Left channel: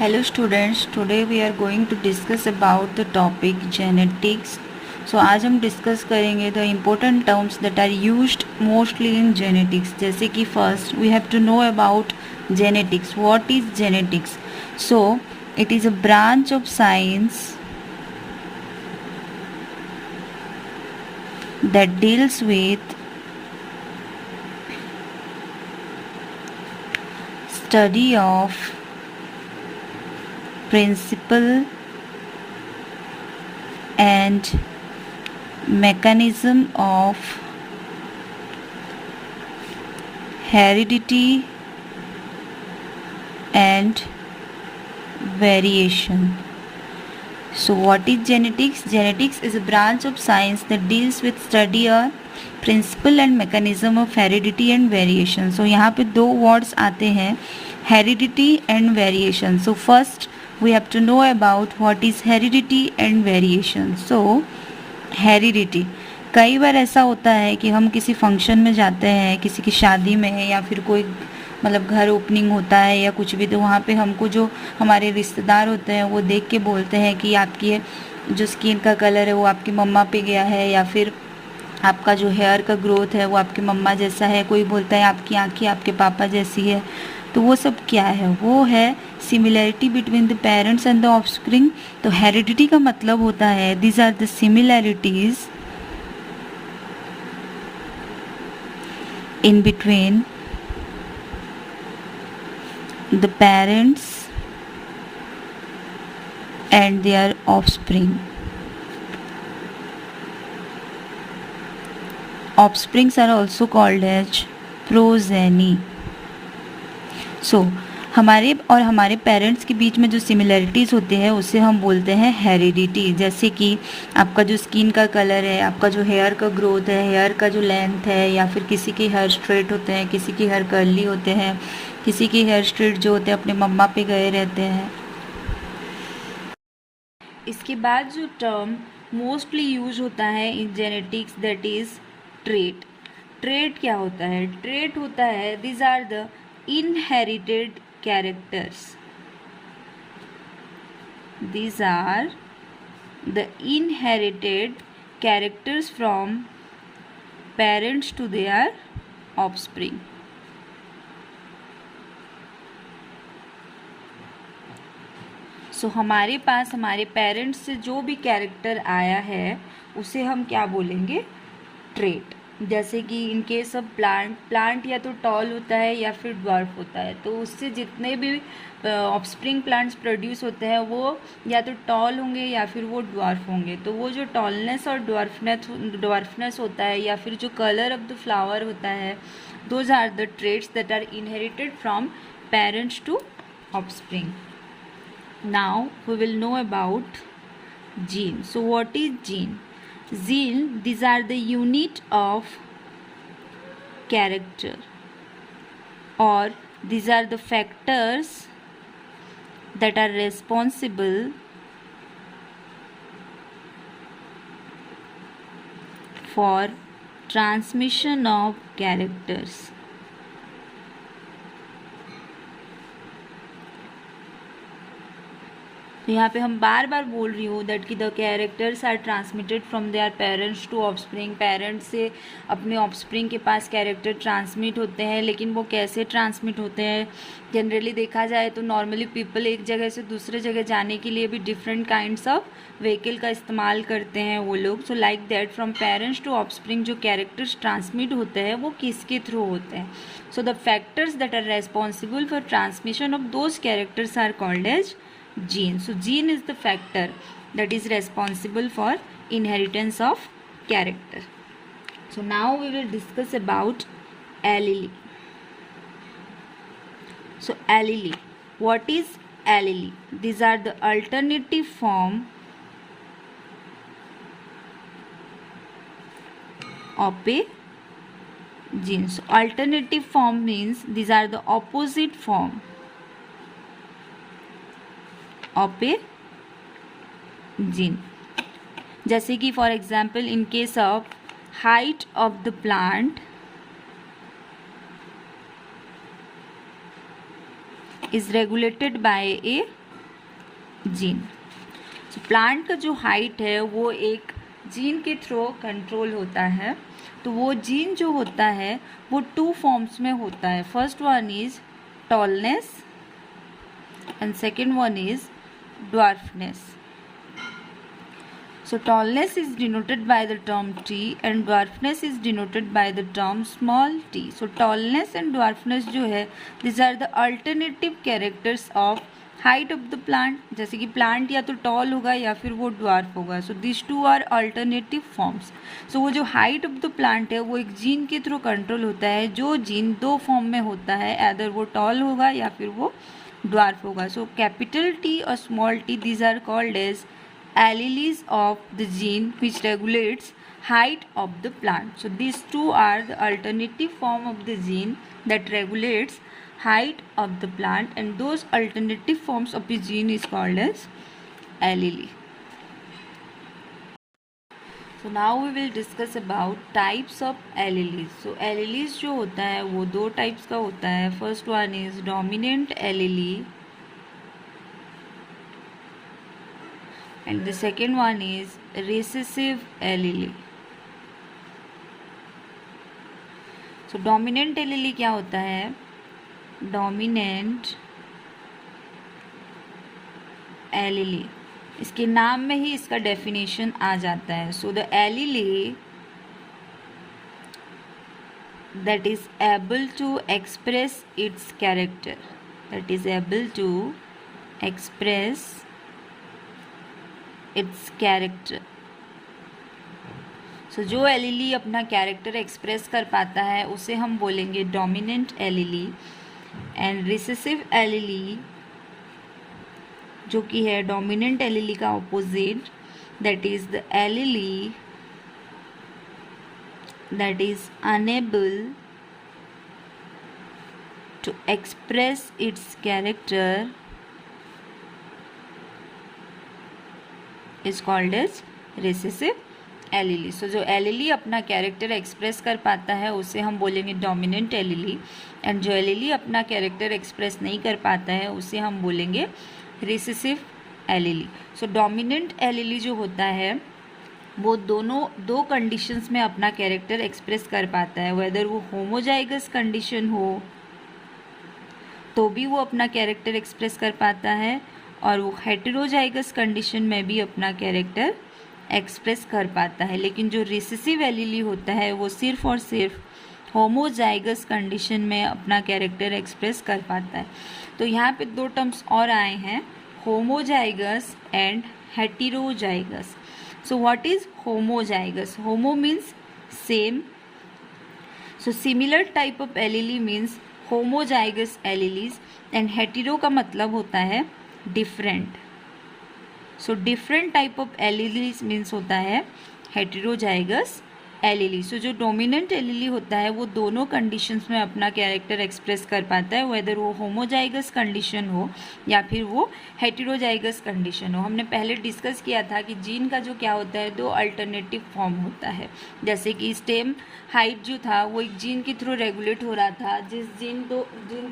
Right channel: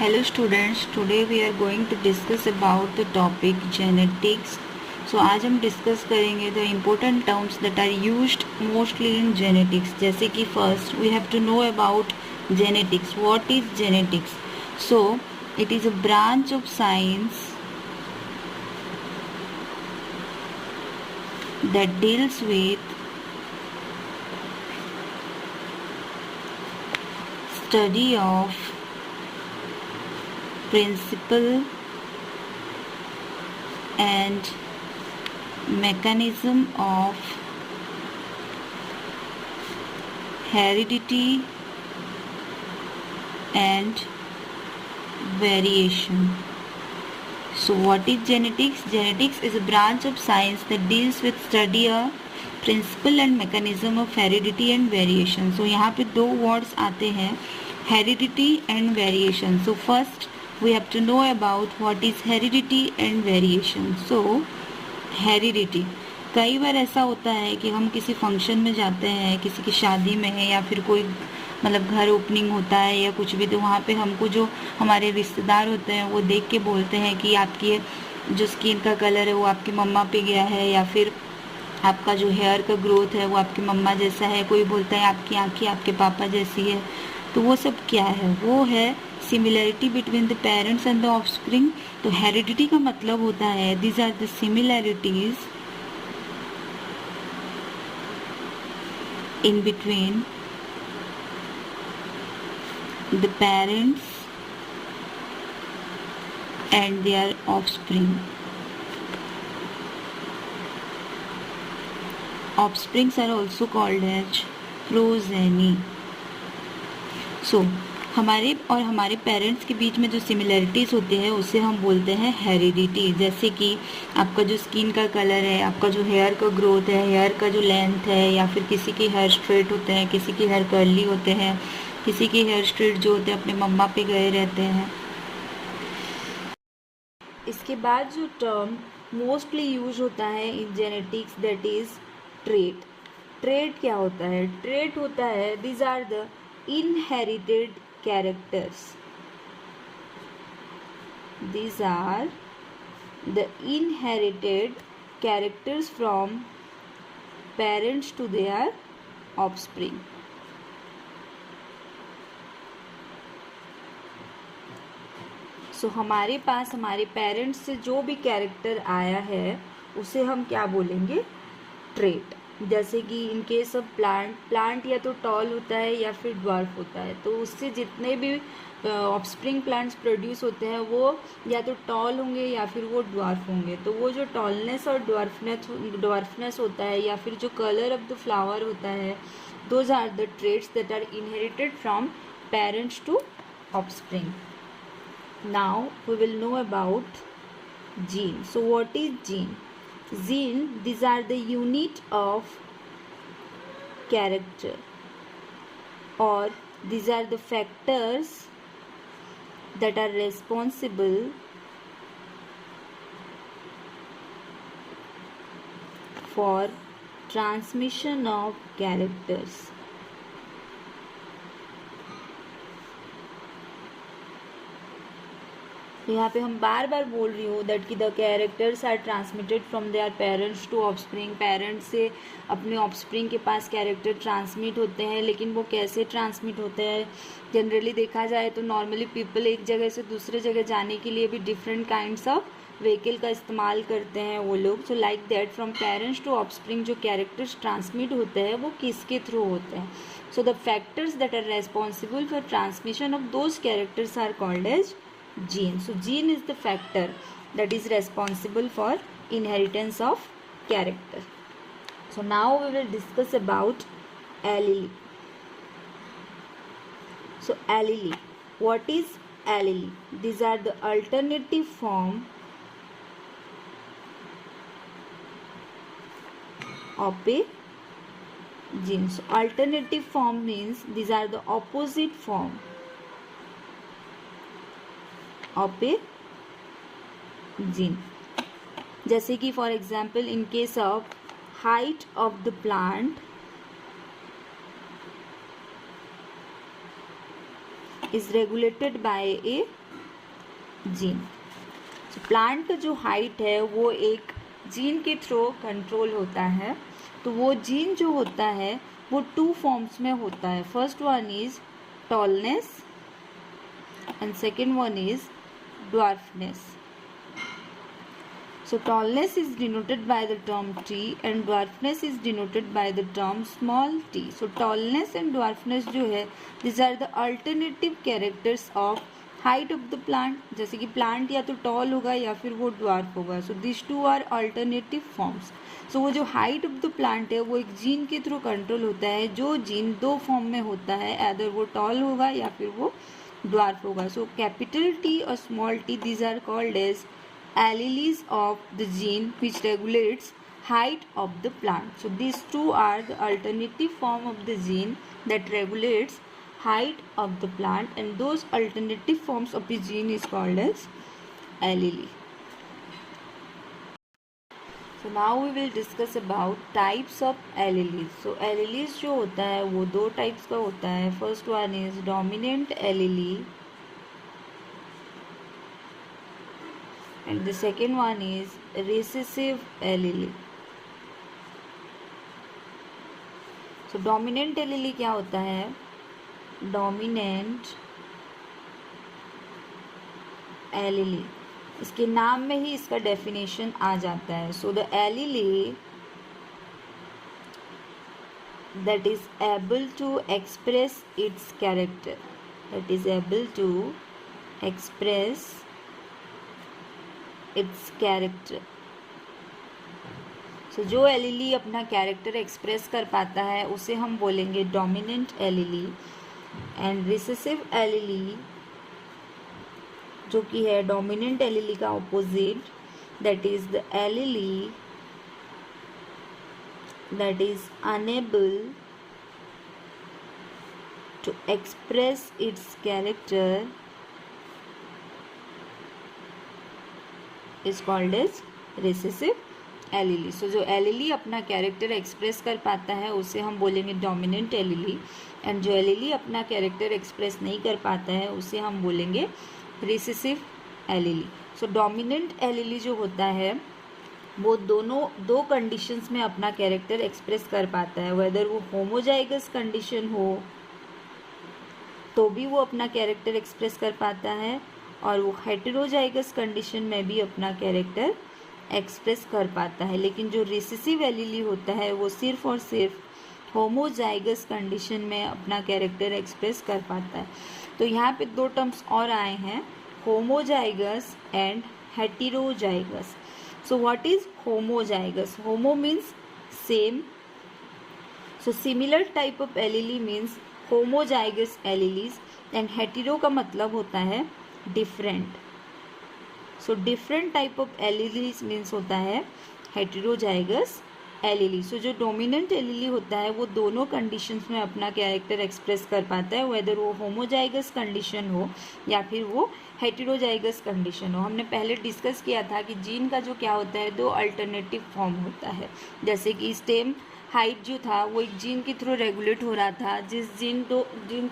Hello students, today we are going to discuss about the topic genetics. So आज हम discuss करेंगे the important terms that are used mostly in genetics. जैसे कि first we have to know about genetics. What is genetics? So it is a branch of science that deals with study of principle and mechanism of heredity and variation. So what is genetics? Genetics is a branch of science that deals with study of principle and mechanism of heredity and variation. So यहाँ पे दो words आते हैं, heredity and variation. So first we have to know about what is heredity and variation. So heredity, कई बार ऐसा होता है कि हम किसी फंक्शन में जाते हैं, किसी की शादी में है या फिर कोई मतलब घर ओपनिंग होता है या कुछ भी, तो वहाँ पे हमको जो हमारे रिश्तेदार होते हैं वो देख के बोलते हैं कि आपकी जो स्किन का कलर है वो आपकी मम्मा पे गया है, या फिर आपका जो हेयर का ग्रोथ है वो आपकी मम्मा जैसा है, कोई बोलता है आपकी आँखें आपके पापा जैसी है। तो वो सब क्या है? वो है similarity between the parents and the offspring. तो हेरिडिटी का मतलब होता है these are the similarities in between the parents and their offspring. Offsprings are also called as progeny. So हमारे और हमारे पेरेंट्स के बीच में जो सिमिलैरिटीज़ होते हैं उसे हम बोलते हैं हेरिडिटी। जैसे कि आपका जो स्किन का कलर है, आपका जो हेयर का ग्रोथ है, हेयर का जो लेंथ है, या फिर किसी के हेयर स्ट्रेट होते हैं, किसी के हेयर कर्ली होते हैं, किसी के हेयर स्ट्रेट जो होते हैं अपने मम्मा पे गए रहते हैं। इसके बाद जो टर्म मोस्टली यूज होता है in genetics that is trait. Trait क्या होता है? ट्रेट होता है these are the inherited characters. These are the inherited characters from parents to their offspring. So हमारे पास हमारे पेरेंट्स से जो भी कैरेक्टर आया है उसे हम क्या बोलेंगे? ट्रेट। जैसे कि इन केस ऑफ प्लांट या तो टॉल होता है या फिर ड्वार्फ होता है, तो उससे जितने भी ऑफस्प्रिंग प्लांट्स प्रोड्यूस होते हैं वो या तो टॉल होंगे या फिर वो ड्वार्फ होंगे। तो वो जो टॉलनेस और ड्वार्फनेस होता है या फिर जो कलर ऑफ द फ्लावर होता है, those are the traits that are inherited from parents to offspring. Now we will know about gene. So what is gene? Gene, these are the unit of character, or these are the factors that are responsible for transmission of characters. यहाँ पे हम बार बार बोल रही हूँ that कि the characters are transmitted from their parents to offspring. Parents से अपने offspring के पास कैरेक्टर ट्रांसमिट होते हैं, लेकिन वो कैसे ट्रांसमिट होते हैं? जनरली देखा जाए तो नॉर्मली पीपल एक जगह से दूसरे जगह जाने के लिए भी डिफरेंट काइंड्स ऑफ व्हीकल का इस्तेमाल करते हैं वो लोग। So like that from parents to offspring जो कैरेक्टर्स ट्रांसमिट होते हैं वो किसके थ्रू होते हैं? So the factors that are responsible for transmission of those characters are called as gene. So gene is the factor that is responsible for inheritance of character. So now we will discuss about allele. So allele, what is allele? These are the alternative form of a gene. So alternative form means these are the opposite form of a gene. जैसे कि for example in case of height of the plant is regulated by a gene. तो plant का जो height है वो एक gene के through control होता है। तो वो जीन जो होता है वो 2 फॉर्म्स में होता है। First one is tallness and second one is dwarfness. So tallness is denoted by the term T and dwarfness is denoted by the term small t. So tallness and dwarfness जो है these are the alternative characters of height of the plant. जैसे कि plant या तो tall होगा या फिर वो dwarf होगा. So these two are alternative forms. So वो जो height of the plant है वो एक जीन के थ्रू कंट्रोल होता है, जो जीन 2 फॉर्म में होता है, either वो tall होगा या फिर वो dwarf होगा. So capital T और small t these are called as alleles of the gene which regulates height of the plant. So these two are the alternative form of the gene that regulates height of the plant, and those alternative forms of the gene is called as allele. So now we will discuss about types of alleles. So alleles जो होता है वो 2 types का होता है. First one is dominant allele and the second one is recessive allele. So dominant allele क्या होता है? Dominant allele, इसके नाम में ही इसका डेफिनेशन आ जाता है. So the allele that is able to express its character, that is able to express its character. So जो एलीली अपना कैरेक्टर एक्सप्रेस कर पाता है उसे हम बोलेंगे dominant allele. And recessive allele जो कि है डोमिनेंट एलीली का opposite, that is the allele that is unable to express its character is called as recessive allele. So जो allele अपना कैरेक्टर एक्सप्रेस कर पाता है उसे हम बोलेंगे डोमिनेंट एलीली, एंड जो एलीली अपना कैरेक्टर एक्सप्रेस नहीं कर पाता है उसे हम बोलेंगे रिसेसिव एलीली. सो डोमिनेंट एलीली जो होता है वो दोनों 2 कंडीशंस में अपना कैरेक्टर एक्सप्रेस कर पाता है. वेदर वो होमोजाइगस कंडीशन हो तो भी वो अपना कैरेक्टर एक्सप्रेस कर पाता है, और वो हेटेरोजाइगस कंडीशन में भी अपना कैरेक्टर एक्सप्रेस कर पाता है. लेकिन जो रिसेसिव एलीली होता है वो सिर्फ और सिर्फ होमोजाइगस कंडीशन में अपना कैरेक्टर एक्सप्रेस कर पाता है. तो यहाँ पे 2 टर्म्स और आए हैं, homozygous and heterozygous. So what is homozygous? Homo means same. So similar type of allele means homozygous alleles, and hetero का मतलब होता है different. So different type of alleles means होता है heterozygous एलीली. सो जो डोमिनेंट एलीली होता है वो दोनों कंडीशंस में अपना कैरेक्टर एक्सप्रेस कर पाता है, वेदर वो होमोजाइगस कंडीशन हो या फिर वो हेटेरोजाइगस कंडीशन हो. हमने पहले डिस्कस किया था कि जीन का जो क्या होता है 2 अल्टरनेटिव फॉर्म होता है. जैसे कि स्टेम हाइट जो था वो एक जीन के थ्रू रेगुलेट हो रहा था, जिस जीन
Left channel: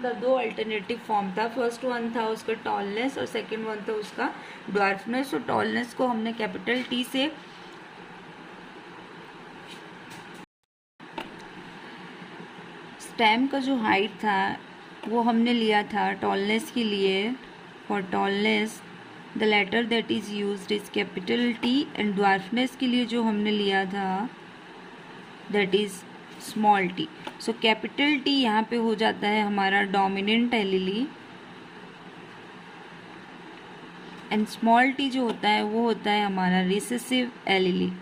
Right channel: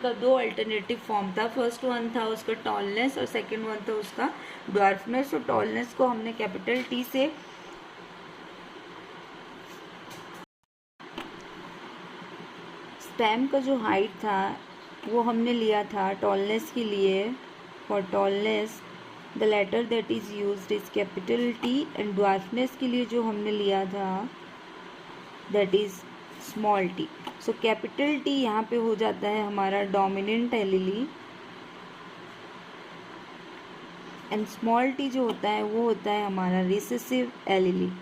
का 2 अल्टरनेटिव फॉर्म था. फर्स्ट वन था उसका टॉलनेस और सेकेंड वन था उसका ड्वार्फनेस. और टॉलनेस को हमने कैपिटल टी से स्टेम का जो हाइट था वो हमने लिया था टॉलनेस के लिए. For tallness the letter that is used is capital T, and dwarfness के लिए जो हमने लिया था that is small T. So capital T यहाँ पे हो जाता है हमारा dominant allele, and small T जो होता है वो होता है हमारा recessive allele.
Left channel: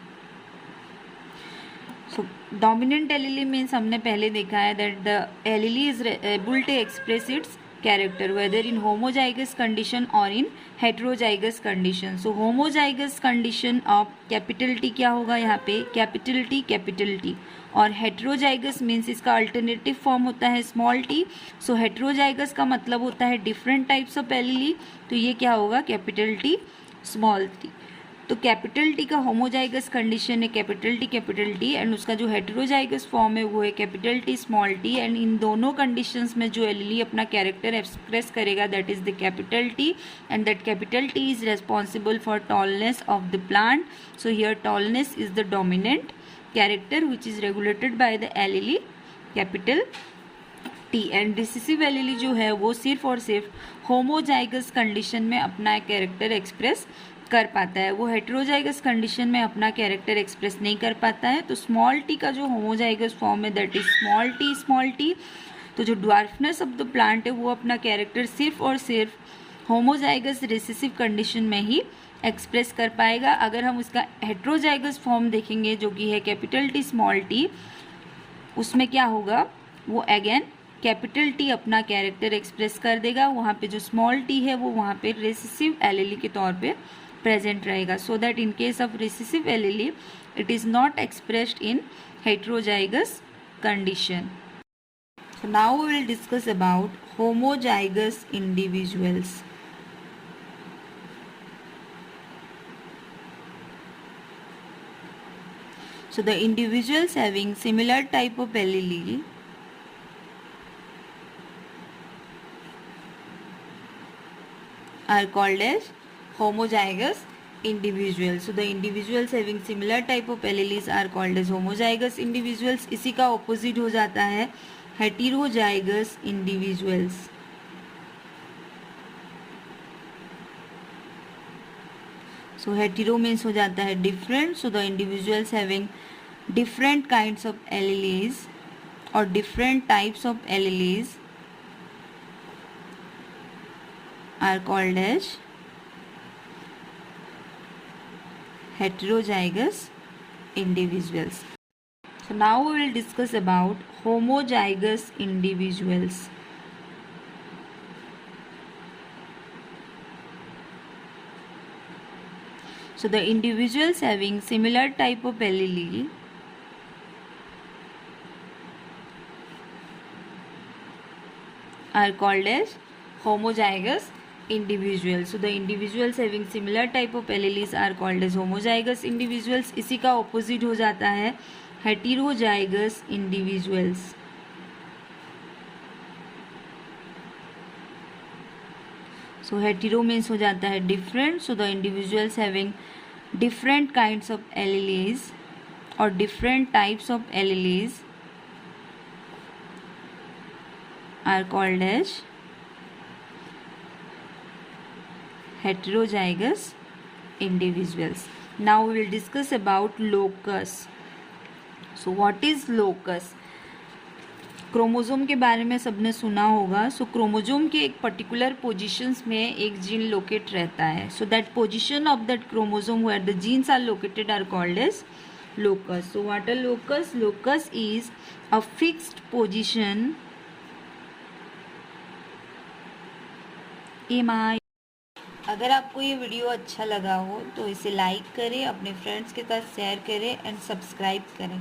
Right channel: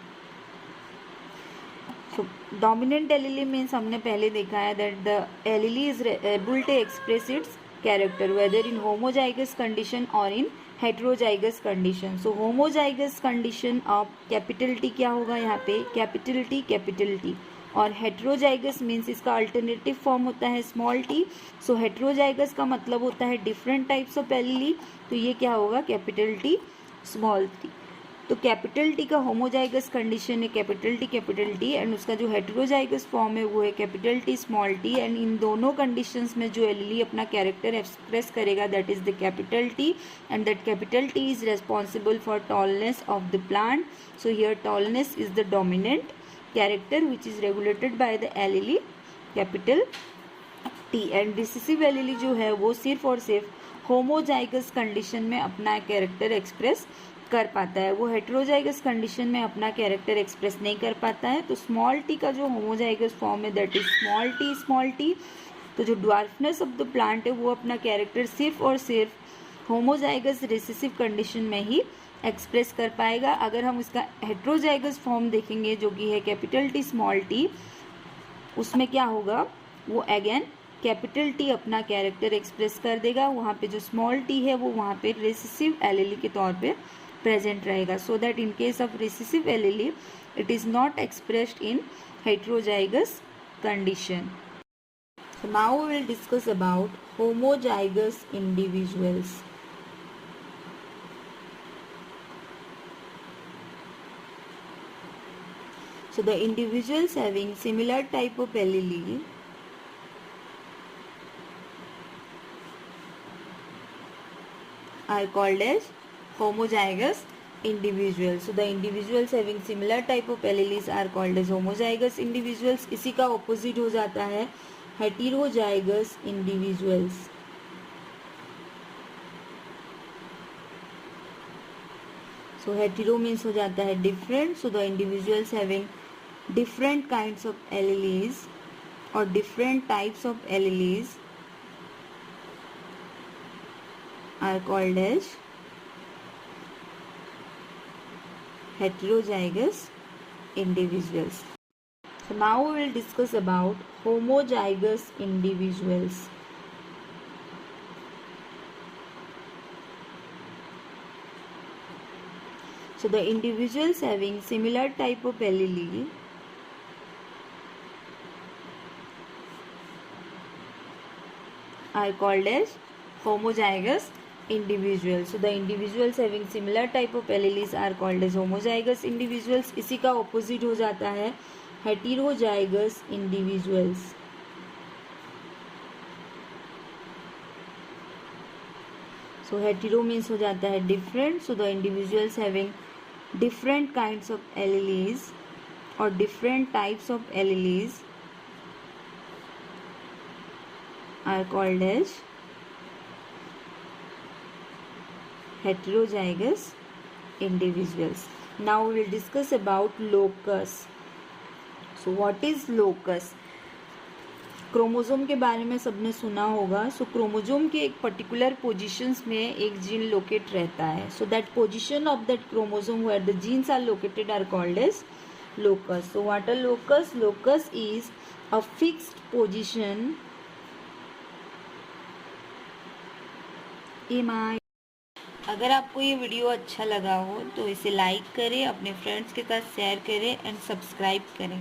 So dominant allele means हमने पहले देखा है that the allele is able to express its character whether in homozygous condition और in heterozygous condition. So homozygous condition of capital T क्या होगा यहाँ पे कैपिटल टी, और हेटेरोजाइगस मीन्स इसका अल्टरनेटिव फॉर्म होता है स्मॉल टी. सो हेटेरोजाइगस का मतलब होता है डिफरेंट टाइप्स ऑफ एलीली, तो ये क्या होगा कैपिटल टी स्मॉल टी. तो कैपिटल टी का होमोजाइगस कंडीशन है कैपिटल टी एंड उसका जो हेटेरोजाइगस फॉर्म है वो है capital T small T, and इन दोनों कंडीशंस में जो एलीली अपना कैरेक्टर एक्सप्रेस करेगा that is the capital T, and that capital T is responsible for tallness of the plant. So here tallness is the dominant character which is regulated by the allele capital T, and recessive allele जो है वो सिर्फ और सिर्फ homozygous condition में अपना character express कर पाता है, वो हेटेरोजाइगस कंडीशन में अपना कैरेक्टर एक्सप्रेस नहीं कर पाता है. तो स्मॉल टी का जो होमोजाइगस फॉर्म है दैट इज स्मॉल टी. तो जो ड्वार्फनेस ऑफ द प्लांट है वो अपना कैरेक्टर सिर्फ और सिर्फ होमोजाइगस रिसेसिव कंडीशन में ही एक्सप्रेस कर पाएगा. अगर हम उसका हेटेरोजाइगस फॉर्म देखेंगे जो कि है कैपिटल टी स्मॉल टी, उसमें क्या होगा, वो अगेन कैपिटल टी अपना कैरेक्टर एक्सप्रेस कर देगा. वहाँ पे जो स्मॉल टी है वो वहाँ पे रिसेसिव एलीली के तौर पे प्रेजेंट रहेगा. So that in case of recessive allele it is not expressed in heterozygous condition. So now we will discuss about homozygous individuals. So the individuals having similar type of allele are called as homozygous individuals. So the individuals having similar type of alleles are called as homozygous individuals. इसी का opposite हो जाता है heterozygous individuals. So hetero means हो जाता है different. So the individuals having different kinds of alleles or different types of alleles are called as heterozygous individuals. So now we will discuss about homozygous individuals. So the individuals having similar type of allele are called as homozygous individuals. So the individuals having similar type of alleles are called as homozygous individuals. इसी का opposite हो जाता है heterozygous individuals. So hetero means हो जाता है different. So the individuals having different kinds of alleles or different types of alleles are called as heterozygous individuals. Now we will discuss about locus. So what is locus? Chromosome के बारे में सबने सुना होगा. सो chromosome के एक particular positions में एक जीन लोकेट रहता है. So that position of that chromosome where the genes are located are called as locus. So what are locus? Locus is a fixed position अगर आपको ये वीडियो अच्छा लगा हो तो इसे लाइक करें, अपने फ्रेंड्स के साथ शेयर करें एंड सब्सक्राइब करें.